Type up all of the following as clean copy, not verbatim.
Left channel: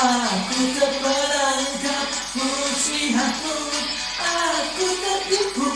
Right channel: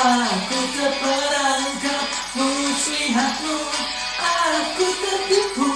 Aku terperangkap muslihatmu, aku tertipu,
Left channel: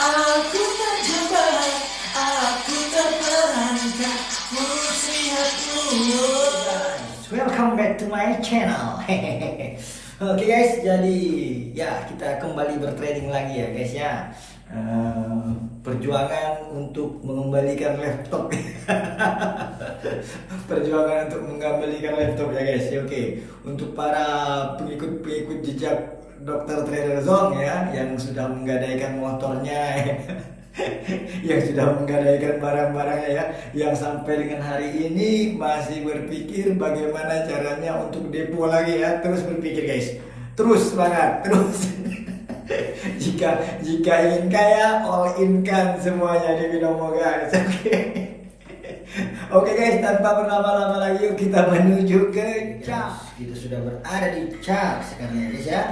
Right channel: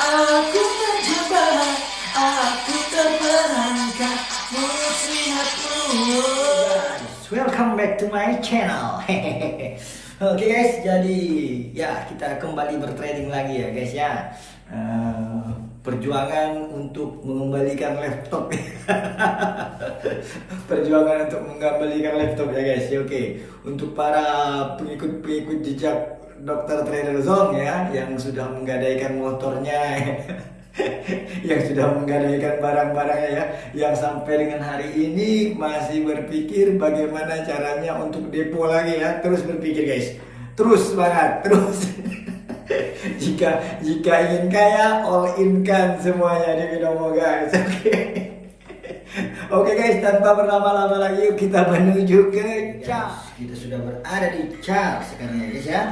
aku terjebak, aku terperangkap muslihatmu. Welcome back to my channel. Oke guys, jadi ya kita kembali bertrading lagi ya guys ya. Perjuangan untuk mengembalikan laptop. Perjuangan untuk mengembalikan laptop ya guys. Oke, untuk para pengikut jejak Dr. Trader Zong ya, yang sudah menggadaikan motornya, yang sudah menggadaikan barang-barangnya ya, yang sampai dengan hari ini masih berpikir bagaimana caranya untuk depo lagi ya. Terus berpikir guys, terus semangat, terus. jika ingin kaya, all in kan semuanya di Binomo guys. Oke guys, tanpa berlama-lama lagi yuk kita menuju ke chart. Kita sudah berada di chart sekarang ya guys ya.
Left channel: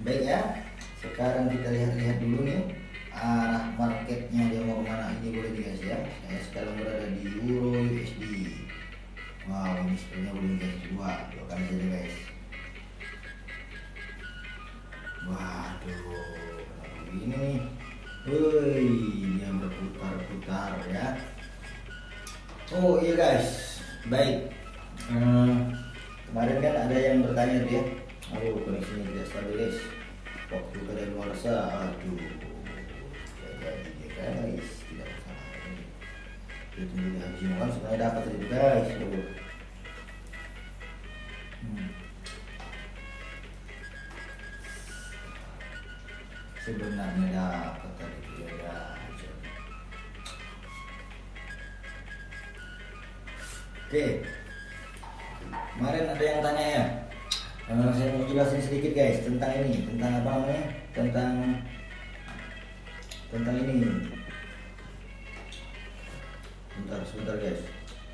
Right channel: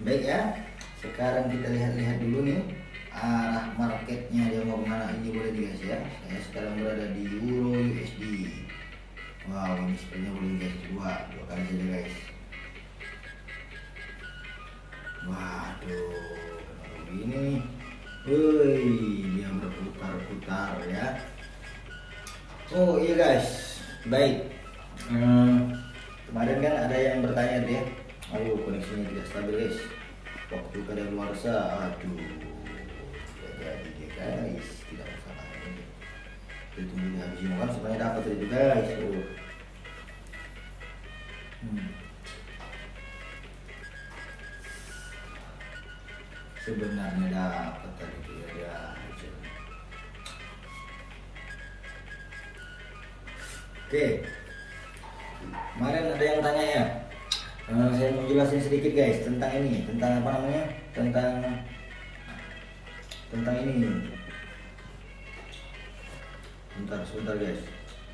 Baik ya, sekarang kita lihat-lihat dulu nih arah marketnya dia mau kemana ini boleh guys ya. Saya sekarang berada di Euro USD. Wow, ini sepertinya boleh guys, dua kali saja guys. Waduh, ini nih, woi, yang berputar-putar ya. Oh iya guys, baik. Kemarin kan ada yang bertanya tuh ya, aduh koneksinya tidak stabil guys. Waktu kada luar sah, aduh, jadi guys, tidak masalah. Itu tunggu haji makan supaya dapat itu guys. Sebenarnya dapat tadi ya. Oke, kemarin ada yang tanya ya. Saya mau jelasin sedikit guys tentang ini, tentang apa namanya, tentang ini. Sebentar guys,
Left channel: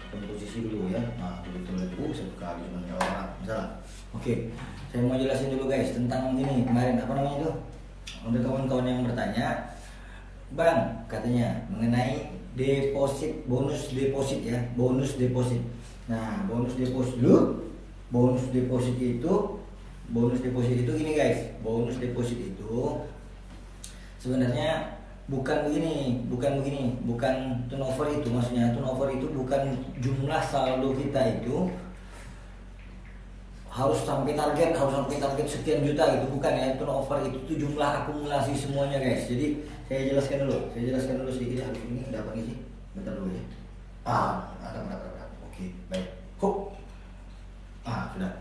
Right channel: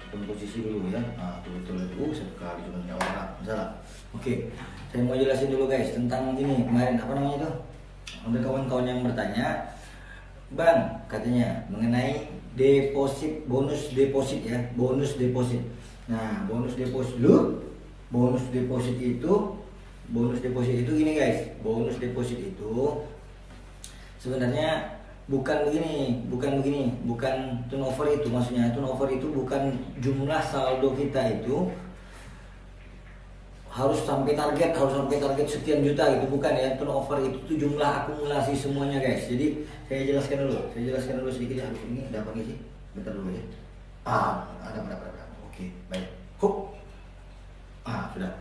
kita posisi dulu ya. Nah, betul sekali teman orang salah. Oke, saya mau jelasin dulu guys tentang ini kemarin apa namanya itu. Ada kawan-kawan yang bertanya, Bang, katanya mengenai deposit, bonus deposit ya, bonus deposit. Nah, bonus deposit itu gini guys. Bonus deposit itu sebenarnya bukan turnover itu, maksudnya turnover itu bukan jumlah saldo kita itu harus sampai target sekian juta gitu, bukan ya. Turnover itu tuh jumlah akumulasi semuanya guys. Jadi saya jelaskan dulu sedikit ya. Ini ada apa sih? Bentar dulu ya. Ada. Oke, baik. Sudah.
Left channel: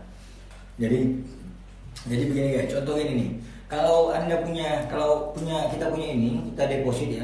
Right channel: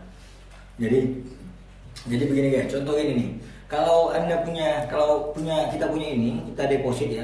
Jadi begini guys, contoh ini nih. Kalau kita punya ini, kita deposit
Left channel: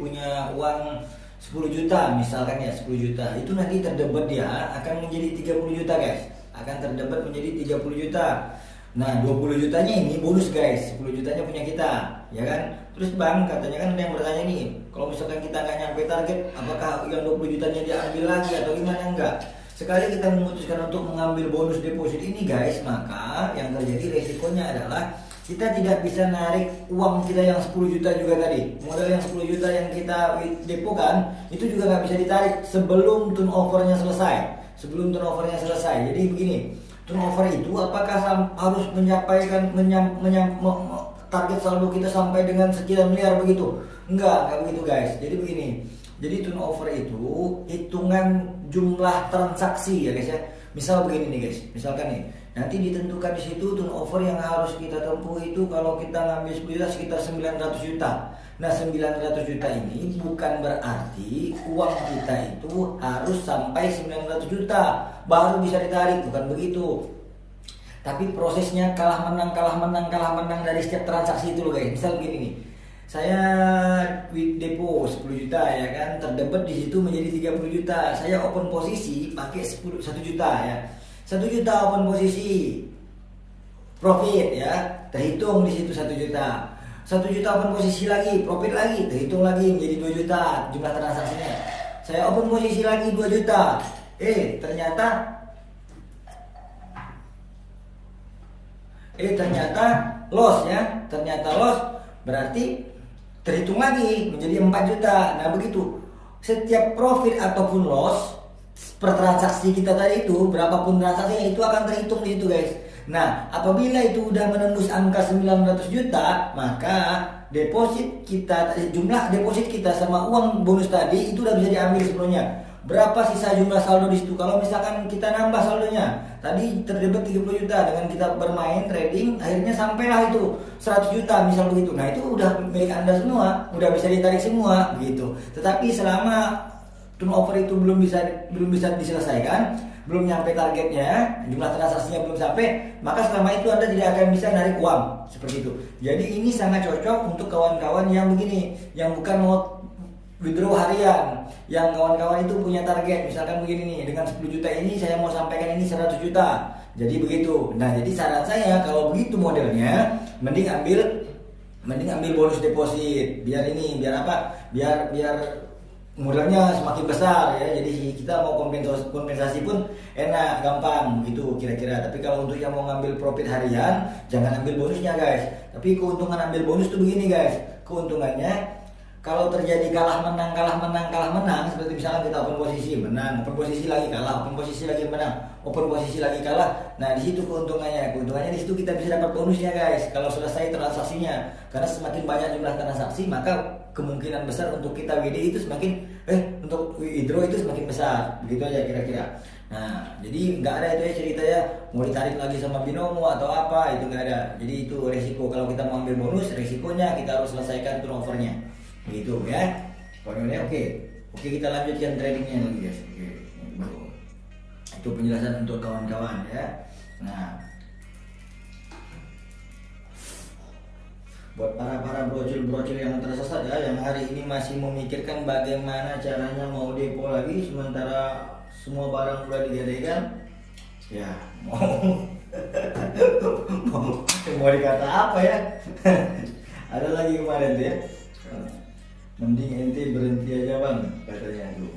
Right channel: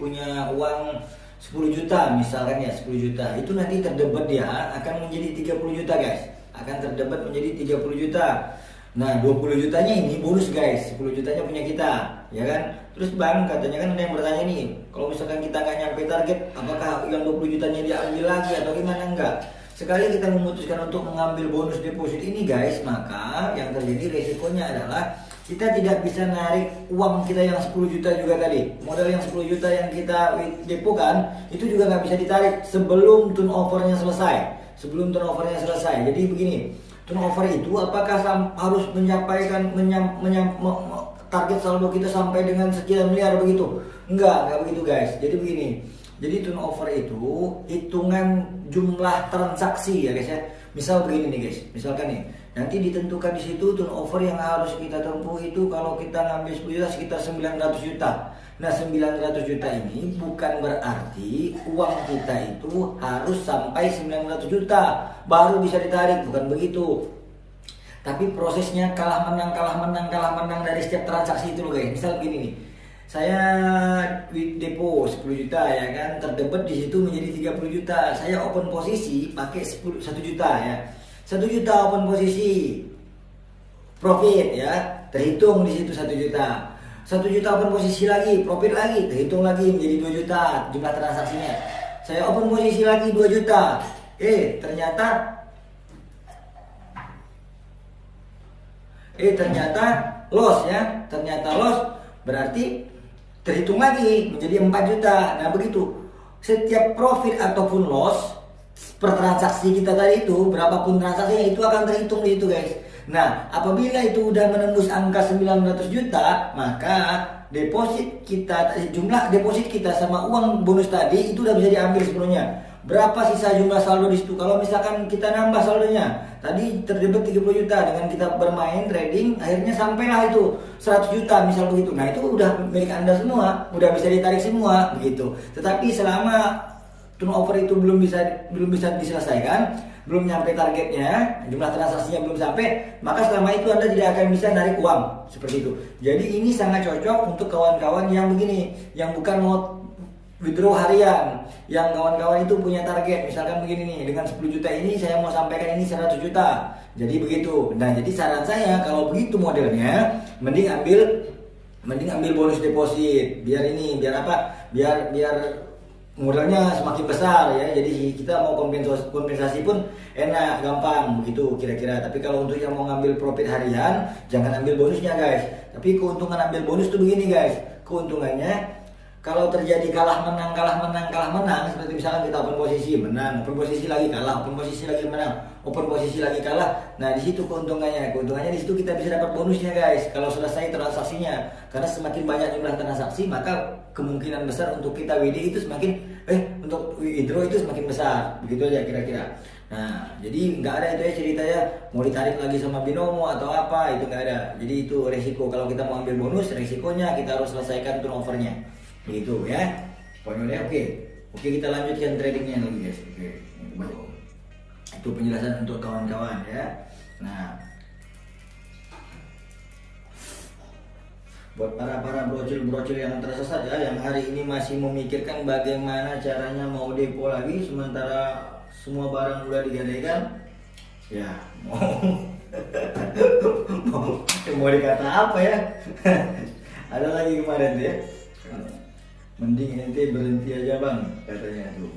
punya uang 10 juta misalkan ya, 10 juta. Itu nanti terdebat dia akan menjadi 30 juta guys. Akan terdebat menjadi 30 juta. Nah, 20 jutanya ini bonus guys, 10 jutanya punya kita, ya kan? Terus Bang, katanya kan ada yang bertanya nih, kalau misalkan kita nggak nyampe target, apakah yang 20 jutanya diambil lagi atau gimana? Enggak. Sekali kita memutuskan untuk mengambil bonus deposit ini guys, maka yang terjadi resikonya adalah kita tidak bisa narik uang kita yang 10 juta juga tadi. Modal yang 10 juta yang kita depokan, itu juga nggak bisa ditarik sebelum turnovernya selesai. Jadi begini, turnover itu apakah harus target saldo kita sampai dengan sekian miliar begitu? Enggak begitu guys. Jadi begini. Jadi turnover itu hitungan jumlah transaksi ya guys ya. Misal begini nih guys. Misalkan nih, nanti ditentukan di situ turnover yang harus kita tempuh itu kalau kita ngambil 10 juta sekitar 900 juta. Nah, 900 juta ini bukan berarti uang kita itu harus sampai 900 juta baru bisa ditarik, bukan begitu. Tapi prosesnya kalah menang dari setiap transaksi itu loh guys. Misal begini nih. Saya depo 10 juta ya kan, terdebat di situ menjadi 30 juta. Saya open posisi pakai 1 juta ya. 1 juta open posisi profit ya, terhitung di situ 1 juta. 1 juta open posisi lagi, profit lagi, terhitung lagi menjadi 2 juta jumlah transaksinya. Saya open posisi lagi 2 juta. Ternyata loss ya. Ternyata loss berarti terhitung lagi menjadi 4 juta. Nah begitu. Setiap profit ataupun loss per transaksi kita tadi itu, berapapun transaksinya itu akan terhitung di situ guys. Nah, apabila itu udah menembus angka 900 juta, maka deposit kita, jumlah deposit kita sama uang bonus tadi itu udah bisa diambil sebenarnya. Berapa sisa jumlah saldo di situ? Kalau misalkan kita nambah saldonya, tadi terdapat 30 juta dengan kita bermain trading, akhirnya sampailah itu 100 juta misal begitu. Nah, itu udah milik Anda semua, udah bisa ditarik semua begitu. Tetapi selama turnover itu belum bisa diselesaikan, belum nyampe targetnya, jumlah transaksinya belum sampai, maka selama itu Anda tidak akan bisa narik uang seperti itu. Jadi ini sangat cocok untuk kawan-kawan yang begini, yang bukan mau withdraw harian, yang kawan-kawan itu punya target, misalkan begini nih, dengan 10 juta ini saya mau sampaikan ini 100 juta. Jadi begitu. Nah, jadi saran saya kalau begitu modelnya, mending ambil bonus deposit. Biar apa? Biar modalnya semakin besar ya, jadi kita mau kompensasi pun enak, gampang begitu kira-kira. Tapi kalau untuk yang mau ngambil profit harian, jangan ambil bonusnya guys. Tapi keuntungan ambil bonus tuh begini guys, keuntungannya kalau terjadi kalah menang seperti misalnya kita open posisi menang, open posisi lagi kalah, open posisi lagi menang, open posisi lagi kalah. Nah, di situ keuntungannya di situ kita bisa dapat bonusnya guys kalau selesai transaksinya. Karena semakin banyak jumlah transaksi, maka kemungkinan besar untuk kita WD itu untuk withdraw itu semakin besar. Begitu aja kira-kira. Nah, jadi nggak ada itu ya ceritanya mau ditarik lagi sama binomo atau apa, itu nggak ada. Jadi itu resiko kalau kita mau ambil bonus, resikonya kita harus selesaikan turnovernya. Begitu ya. Pokoknya oke, kita lanjutkan tradingnya lagi guys. Oke. Itu penjelasan untuk kawan-kawan ya. Nah, buat para brocil yang tersesat ya, yang hari ini masih memikirkan bagaimana caranya mau depo lagi sementara semua barang udah digadaikan, ya mau dikata apa ya? Ada lagi kemarin ya, mending ente berhenti aja bang katanya tuh,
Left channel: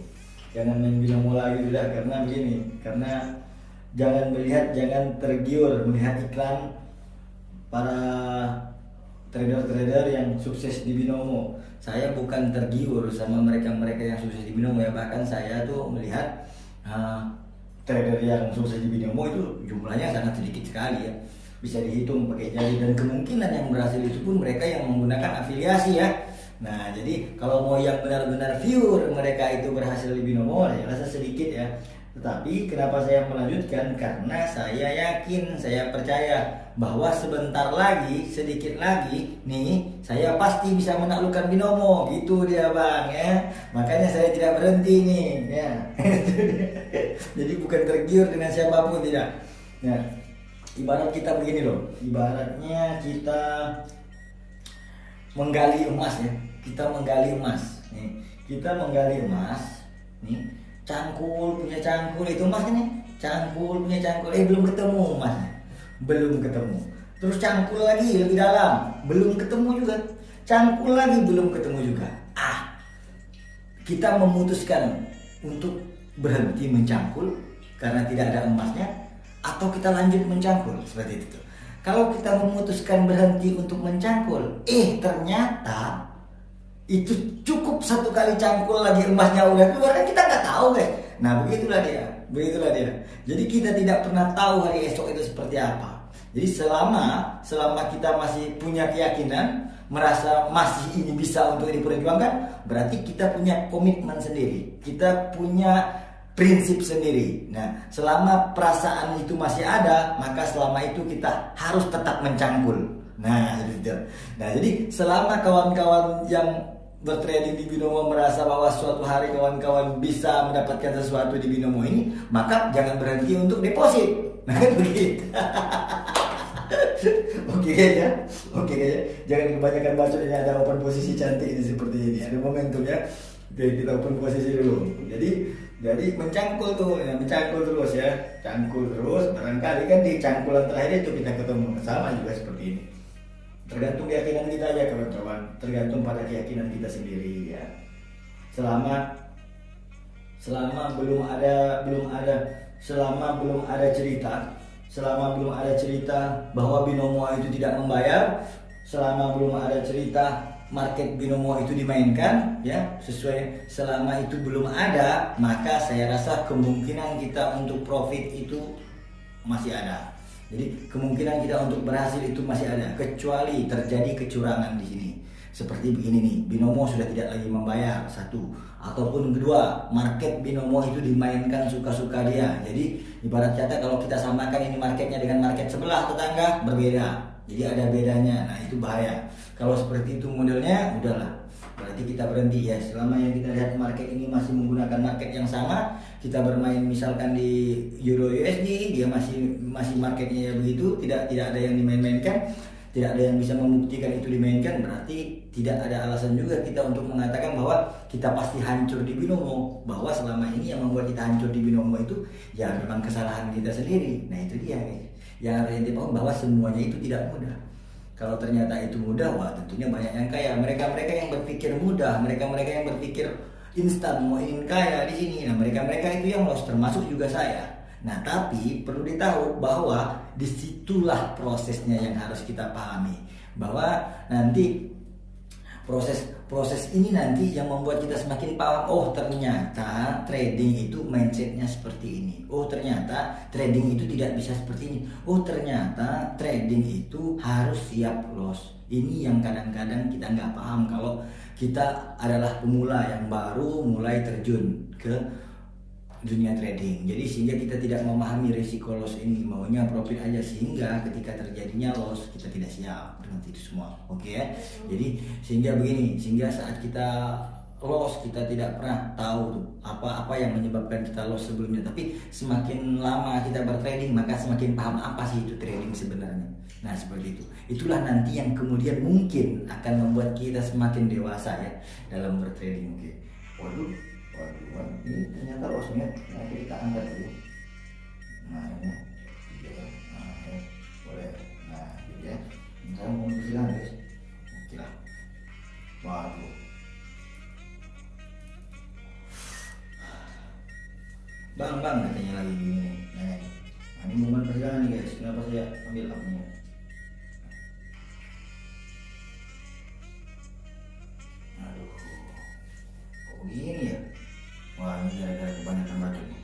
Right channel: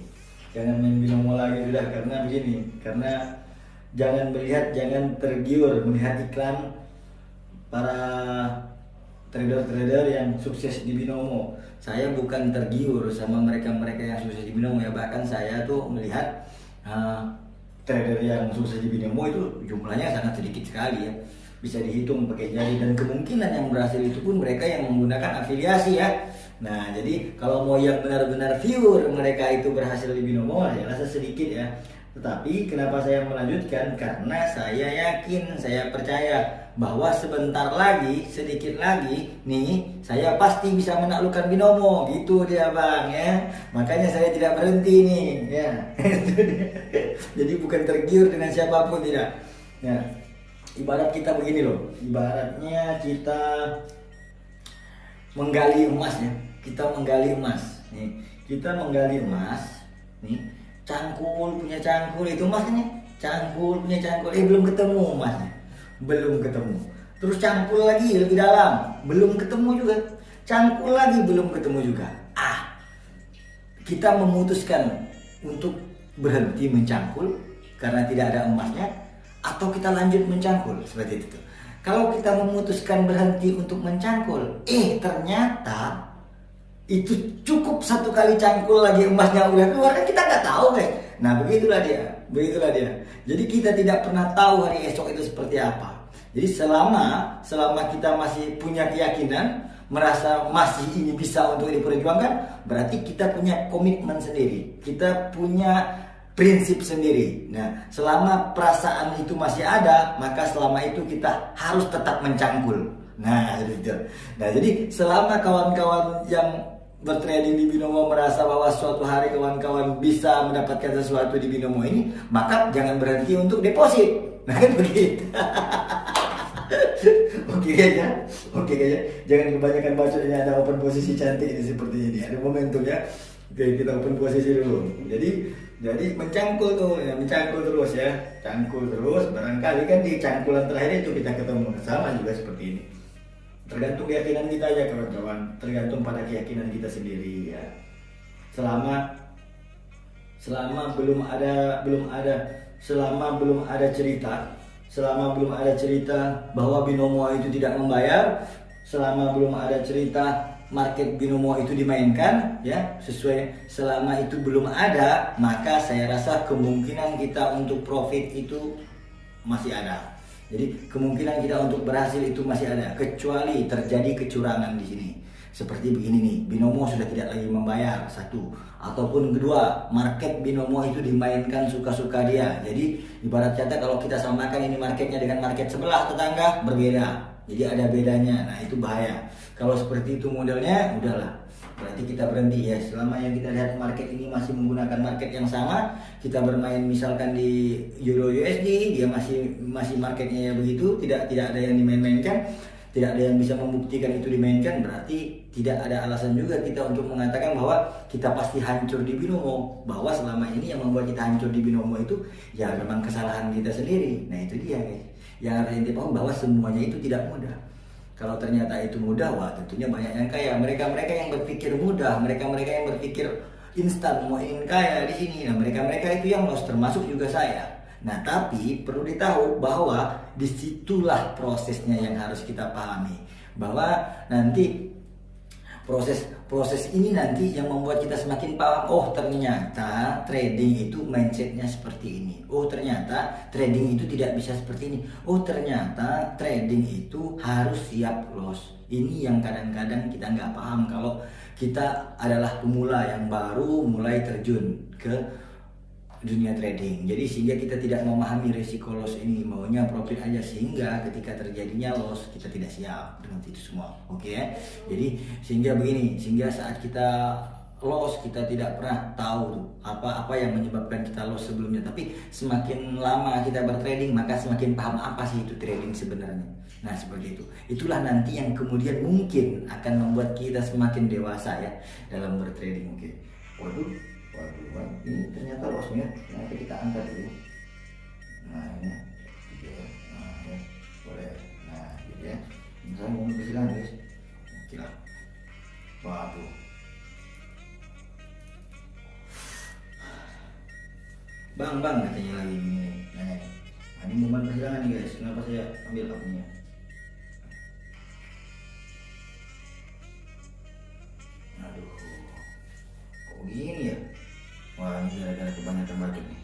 jangan main binomo lagi udah, karena begini, karena jangan tergiur melihat iklan para trader yang sukses di binomo. Saya bukan tergiur sama mereka yang sukses di binomo ya, bahkan saya tuh melihat trader yang sukses di binomo itu jumlahnya sangat sedikit sekali ya, bisa dihitung pakai jari, dan kemungkinan yang berhasil itu pun mereka yang menggunakan afiliasi ya. Nah, jadi kalau mau yang benar-benar pure mereka itu berhasil di binomo ya rasa sedikit ya. Tetapi kenapa saya melanjutkan? Karena saya yakin, saya percaya bahwa sebentar lagi, sedikit lagi nih, saya pasti bisa menaklukkan binomo. Gitu dia bang ya. Makanya saya tidak berhenti nih ya. Jadi bukan tergiur dengan siapapun, tidak ya. Ibarat kita begini loh, ibaratnya kita menggali emas ya. Kita menggali emas nih, cangkul punya cangkul itu emasnya, cangkul punya cangkul, belum ketemu emasnya, belum ketemu. Terus cangkul lagi lebih dalam, belum ketemu juga, cangkul lagi belum ketemu juga. Kita memutuskan untuk berhenti mencangkul karena tidak ada emasnya, atau kita lanjut mencangkul seperti itu. Kalau kita memutuskan berhenti untuk mencangkul, ternyata itu cukup satu kali cangkul lagi emasnya udah keluar, kan kita nggak tahu guys. Nah begitulah dia. Jadi kita tidak pernah tahu hari esok itu seperti apa. Jadi selama kita masih punya keyakinan, merasa masih ini bisa untuk diperjuangkan, berarti kita punya komitmen sendiri, kita punya prinsip sendiri. Nah, selama perasaan itu masih ada, maka selama itu kita harus tetap mencangkul. Nah, jadi selama kawan-kawan yang bertrading di binomo merasa bahwa suatu hari kawan-kawan bisa mendapatkan sesuatu di binomo ini, maka jangan berhenti untuk deposit. Nah, kan begitu. Oke aja. Jangan kebanyakan bacotnya, ada open posisi cantik ini seperti ini. Ada momentum ya. Oke, kita open posisi dulu. Jadi mencangkul terus ya. Cangkul terus, barangkali kan di cangkulan terakhir itu kita ketemu, sama juga seperti ini. Tergantung keyakinan kita aja kawan-kawan, tergantung pada keyakinan kita sendiri ya. Selama belum ada cerita bahwa binomo itu tidak membayar, selama belum ada cerita market binomo itu dimainkan ya, sesuai selama itu belum ada, maka saya rasa kemungkinan kita untuk profit itu masih ada. Jadi kemungkinan kita untuk berhasil itu masih ada, kecuali terjadi kecurangan di sini. Seperti begini nih, binomo sudah tidak lagi membayar, satu, ataupun kedua, market binomo itu dimainkan suka-suka dia. Jadi ibarat kata kalau kita samakan ini marketnya dengan market sebelah tetangga, berbeda. Jadi ada bedanya. Nah itu bahaya. Kalau seperti itu modelnya, udahlah, berarti kita berhenti ya. Selama yang kita lihat market ini masih menggunakan market yang sama, kita bermain misalkan di Euro USD, dia masih marketnya ya begitu, tidak ada yang dimain-mainkan, tidak ada yang bisa membuktikan itu dimainkan, berarti tidak ada alasan juga kita untuk mengatakan bahwa kita pasti hancur di binomo. Bahwa selama ini yang membuat kita hancur di binomo itu ya memang kesalahan kita sendiri. Nah itu dia guys, yang harus ente paham bahwa semuanya itu tidak mudah. Kalau ternyata itu mudah, wah tentunya banyak yang kaya. Mereka-mereka yang berpikir mudah, mereka-mereka yang berpikir instan mau ingin kaya di sini. Nah mereka-mereka itu yang lost, termasuk juga saya. Nah tapi perlu ditahu bahwa disitulah prosesnya yang harus kita pahami, bahwa nanti proses ini nanti yang membuat kita semakin paham, oh ternyata trading itu mindsetnya seperti ini, oh ternyata trading itu tidak bisa seperti ini, oh ternyata trading itu harus siap loss. Ini yang kadang-kadang kita nggak paham kalau kita adalah pemula yang baru mulai terjun ke dunia trading. Jadi sehingga kita tidak memahami risiko loss ini, maunya profit aja, sehingga ketika terjadinya loss kita tidak siap dengan itu semua. Oke ya. Jadi sehingga begini, sehingga saat kita loss kita tidak pernah tahu apa yang menyebabkan kita loss sebelumnya, tapi semakin lama kita bertrading maka semakin paham apa sih itu trading sebenarnya. Nah seperti itu. Itulah nanti yang kemudian mungkin akan membuat kita semakin dewasa ya dalam bertrading. Oke. Waduh, ini ternyata lossnya, nanti kita angkat dulu. Nah ini, boleh. Nah gitu ya. Misalnya mau kecilan guys, oke lah. Waduh. Bang katanya lagi gini. Nah ini momen perjalanan guys. Kenapa saya ambil apinya? Aduh, kok begini ya? Wah, ini gara-gara kebanyakan market nih.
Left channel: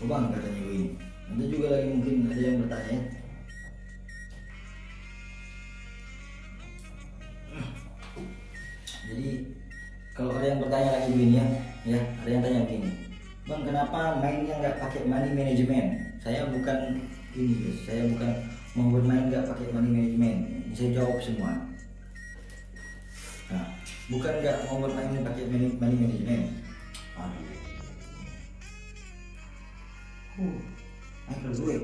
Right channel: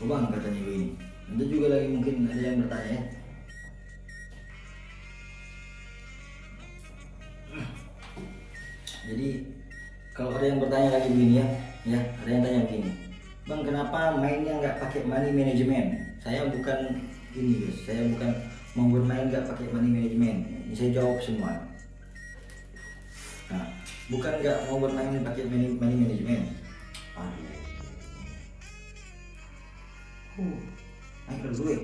Oh bang, katanya begini. Nanti juga lagi mungkin ada yang bertanya ya. Jadi kalau ada yang bertanya lagi begini ya ada yang tanya begini. Bang, kenapa mainnya nggak pakai money management? Saya bukan ini guys, saya bukan mau bermain nggak pakai money management. Ini saya jawab semua. Nah, bukan nggak mau bermain pakai money management. Naik dulu ya.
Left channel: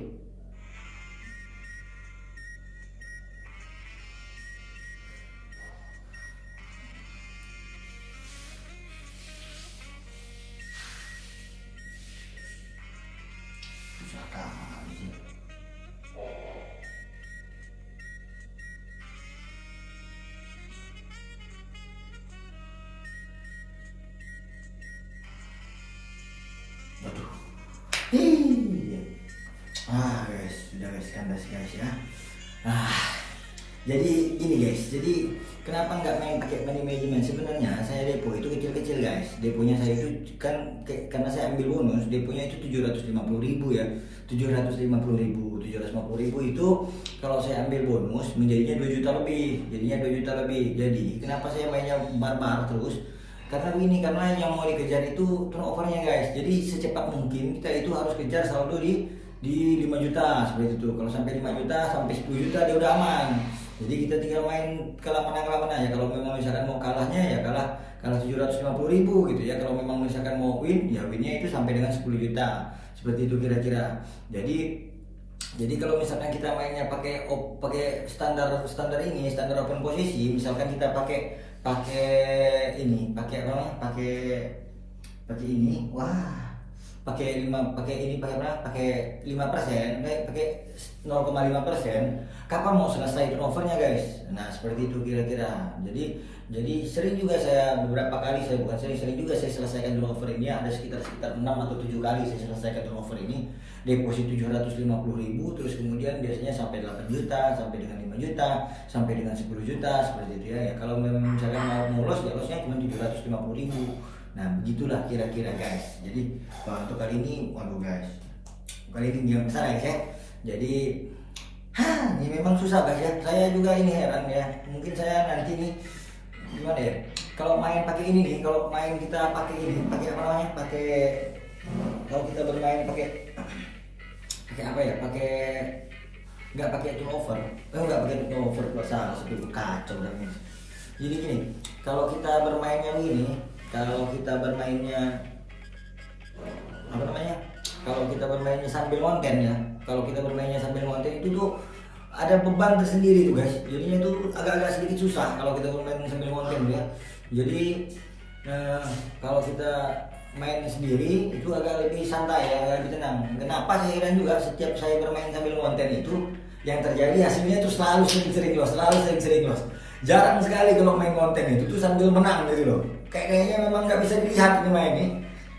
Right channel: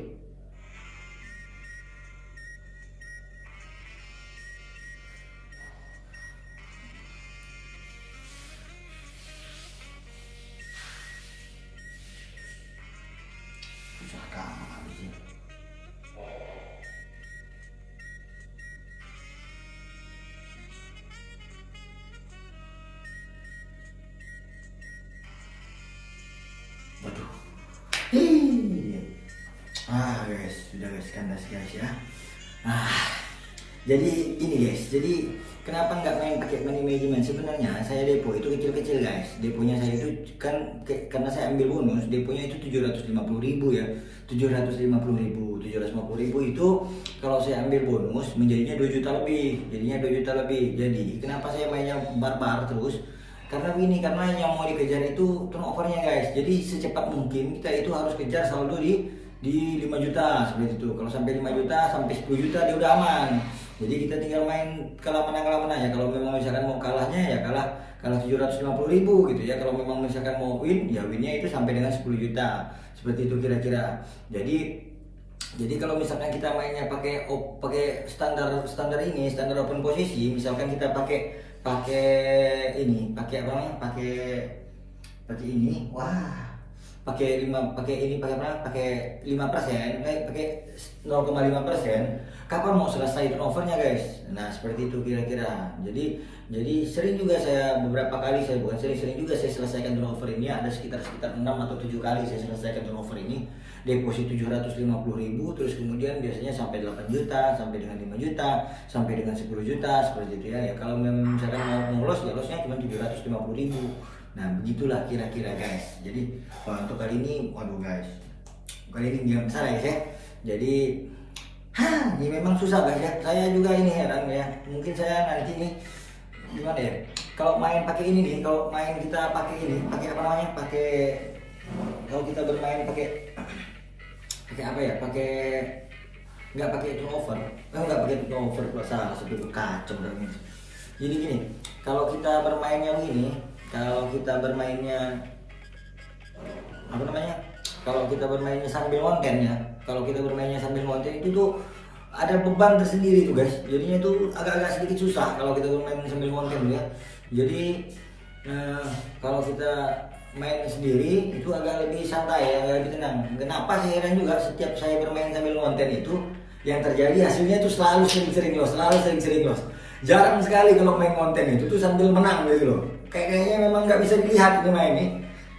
Guys, sudah guys, kandas guys ya. Jadi ini guys, jadi kenapa nggak main pakai money management? Sebenarnya saya depo itu kecil-kecil guys. Deponya saya itu kan karena saya ambil bonus, deponya itu 750.000 ya. 750.000 itu kalau saya ambil bonus menjadinya 2 juta lebih. Jadinya 2 juta lebih. Jadi kenapa saya mainnya barbar terus? Karena begini, karena yang mau dikejar itu turnovernya guys. Jadi secepat mungkin kita itu harus kejar saldo di 5 juta seperti itu. Kalau sampai 5 juta sampai 10 juta dia udah aman. Jadi kita tinggal main kalah menang ya. Kalau memang misalkan mau kalahnya ya kalah 750.000 gitu ya. Kalau memang misalkan mau win ya winnya itu sampai dengan 10 juta. Seperti itu kira-kira. Jadi kalau misalkan kita mainnya pakai standar ini, standar open posisi, misalkan kita pakai ini, pakai ini. Wah. pakai berapa? Pakai 5%, pakai 0,5%. Kapan mau selesai turnovernya guys? Nah seperti itu kira-kira. Jadi sering juga saya beberapa kali, saya bukan sering juga saya selesaikan turnover ini. Ada sekitar 6 atau 7 kali saya selesaikan turnover ini. Deposit 750.000, terus kemudian biasanya sampai 8 juta, sampai dengan 5 juta, sampai dengan 10 juta seperti itu ya. Ya kalau memang misalkan mau loss, ya lossnya cuma 750.000. Nah begitulah kira-kira guys. Jadi untuk kali ini, waduh guys, kali ini dia besar ya. Jadi ini memang susah guys ya. Saya juga ini heran ya. Mungkin saya nanti nih gimana ya? Kalau main pakai ini nih, kalau main kita pakai ini, pakai apa namanya? Kalau kita bermain pakai apa ya? Nggak pakai turnover. Nggak pakai turnover salah sebut kacau dan. Jadi gini, kalau kita bermain yang ini, kalau kita bermainnya apa namanya? Kalau kita bermainnya sambil konten ya. Kalau kita bermainnya sambil konten itu tuh ada beban tersendiri tuh guys. Jadinya itu agak-agak sedikit susah kalau kita bermain sambil konten ya. Jadi kalau kita main sendiri itu agak lebih santai ya, agak lebih tenang. Kenapa saya heran juga setiap saya bermain sambil konten itu yang terjadi hasilnya tuh selalu sering loss. Jarang sekali kalau main konten itu tuh sambil menang gitu loh. Kayaknya memang nggak bisa dilihat ini main nih.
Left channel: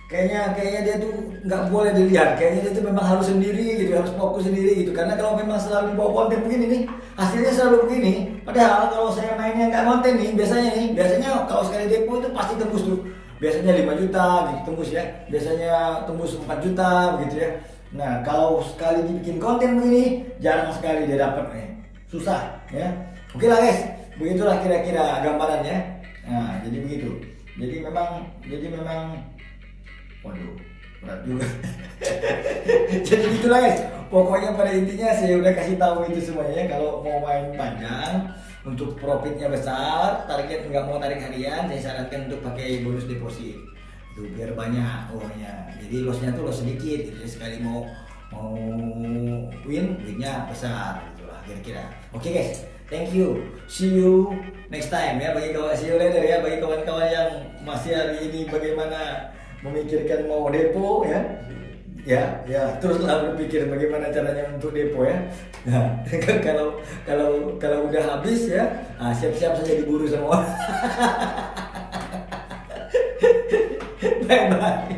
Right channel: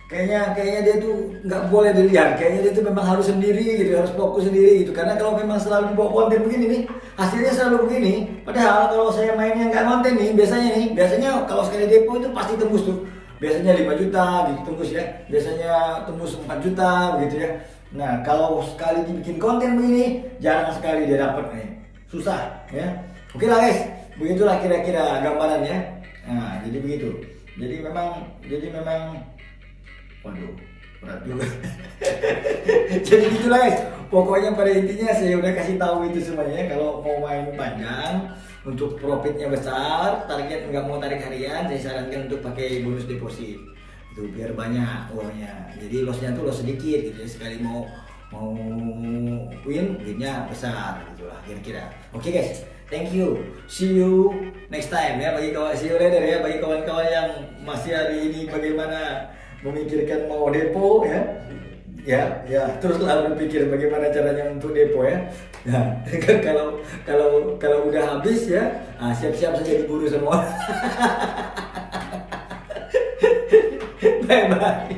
Kayaknya dia tuh nggak boleh dilihat. Kayaknya dia tuh memang harus sendiri gitu, harus fokus sendiri gitu. Karena kalau memang selalu bawa konten begini nih, hasilnya selalu begini. Padahal kalau saya mainnya nggak konten nih, biasanya kalau sekali depo itu pasti tembus tuh. Biasanya 5 juta gitu tembus ya. Biasanya tembus 4 juta begitu ya. Nah kalau sekali dibikin konten begini, jarang sekali dia dapat nih. Susah ya. Oke lah guys, begitulah kira-kira gambarannya. Nah jadi begitu. Jadi memang waduh, berat juga. Jadi gitulah guys. Pokoknya pada intinya saya udah kasih tahu itu semuanya. Kalau mau main panjang untuk profitnya besar, target nggak mau tarik harian, saya sarankan untuk pakai bonus deposit. Itu biar banyak uangnya. Jadi lossnya tuh loss sedikit gitu ya. Sekali mau win, winnya besar gitulah kira-kira. Oke guys, thank you. See you next time ya see you later ya bagi kawan-kawan yang masih hari ini bagaimana memikirkan mau depo ya teruslah berpikir bagaimana caranya untuk depo ya. Nah kalau udah habis ya siap-siap saja diburu semua. Bye bye.